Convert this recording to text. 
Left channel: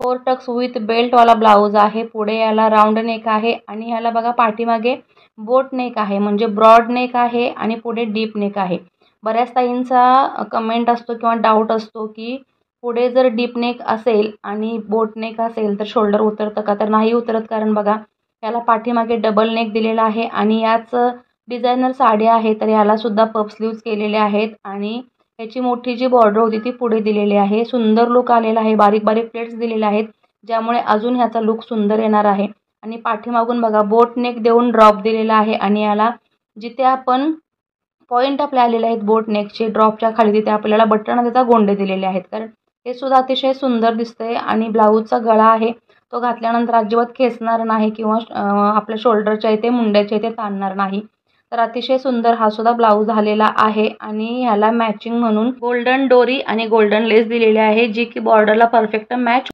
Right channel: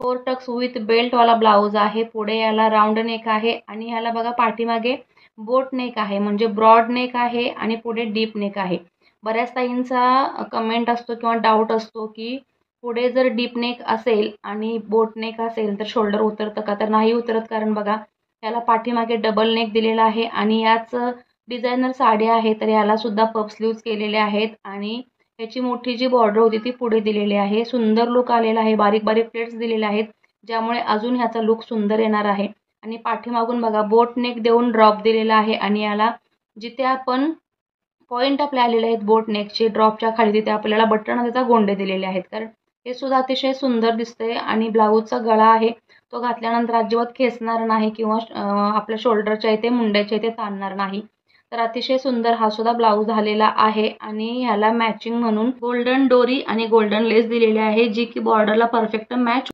4 Tux with belt वाला blouse आहे। पुढे याला राऊंड नेक आहे आणि ह्याला बघा पाठीमागे बोट नेक आहे, म्हणजे ब्रॉड नेक आहे आणि पुढे डीप नेक आहे। बऱ्याच ताईंचा कमेंट असतो किंवा डाऊट असतो की पुढे जर डीप नेक असेल आणि बोट नेक असेल तर शोल्डर उतरतं का? तर नाही उतरत, कारण बघा याला पाठीमागे डबल नेक दिलेला आहे आणि याच डिझायनर साडी आहे तर याला सुद्धा पफ स्लीव्ज केलेले आहेत आणि याची मोठी जी बॉर्डर होती ती पुढे दिलेली आहे। सुंदर लुक आलेला आहे, बारीक बारीक प्लेट्स दिलेले आहेत ज्यामुळे अजून ह्याचा लुक सुंदर येणार आहे। आणि पाठीमागून बघा बोट नेक देऊन ड्रॉप दिलेला आहे आणि याला जिथे आपण पॉइंट आपले आलेले आहेत बोट नेकचे ड्रॉपच्या खाली तिथे आपल्याला बटन त्याचा गोंडे दिलेले आहेत, कारण हे सुद्धा अतिशय सुंदर दिसतंय। आणि ब्लाऊजचा गळा आहे तो घातल्यानंतर अजिबात खेचणार नाही किंवा आपल्या शोल्डरच्या इथे मुंड्याच्या इथे ताणणार नाही। तर अतिशय सुंदर हा सुद्धा ब्लाऊज झालेला आहे आणि ह्याला मॅचिंग म्हणून गोल्डन डोरी आणि गोल्डन लेस दिलेली आहे जी की बॉर्डरला परफेक्ट मॅच